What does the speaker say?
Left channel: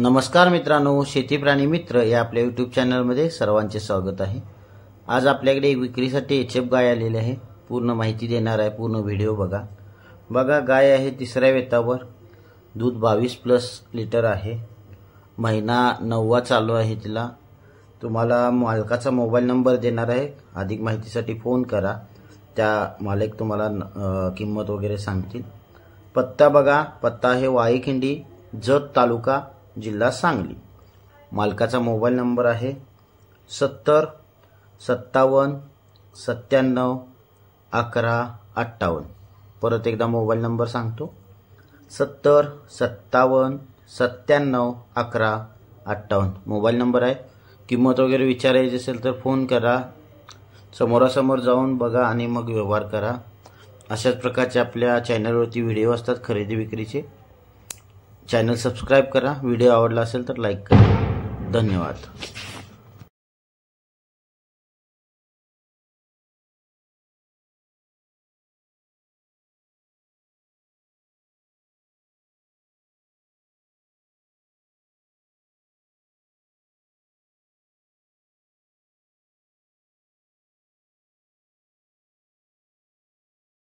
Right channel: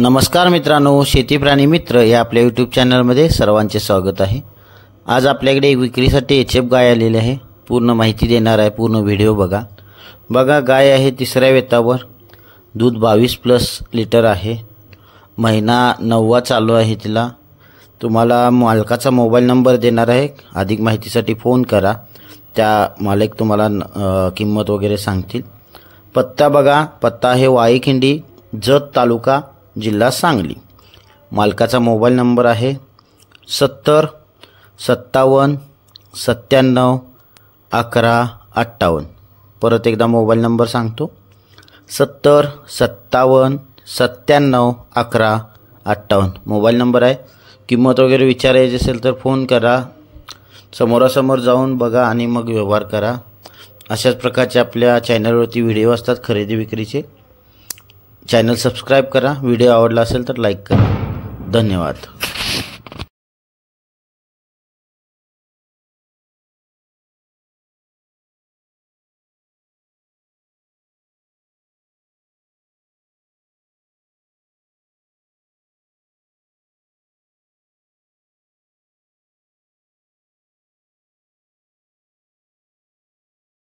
नमस्कार मित्रांनो, शेती प्राणी मित्र या आपल्या यूट्यूब चॅनलमध्ये सर्वांचे स्वागत आहे। आज आपल्याकडे एक विक्रीसाठी एचएफ गाय आलेली आहे। पूर्ण माहिती देणार आहे, पूर्ण व्हिडिओ बघा। गाय आहे तिसऱ्या वेतावर, दूध 22+ लिटर आहे। महिना 9वा चालू आहे तिला। तुम्हाला मालकाचा मोबाईल नंबर देणार आहे, अधिक माहितीसाठी फोन करा। त्या मालक तुम्हाला किंमत वगैरे सांगतील। पत्ता बघा, पत्ता आहे वाईखिंडी, जत तालुका, जिल्हा सांगली। मालकाचा मोबाईल नंबर आहे 70 57 97 11 58। परत एकदा मोबाईल नंबर सांगतो, 70 57 97 11 58 मोबाईल नंबर आहे। किंमत वगैरे विचारायची असेल तर फोन करा, समोरासमोर जाऊन बघा आणि मग व्यवहार करा। अशाच प्रकारचे आपल्या चॅनलवरती व्हिडिओ असतात खरेदी विक्रीचे। चॅनल सबस्क्राइब करा। व्हिडिओ आवडला असेल तर लाईक करा। धन्यवाद।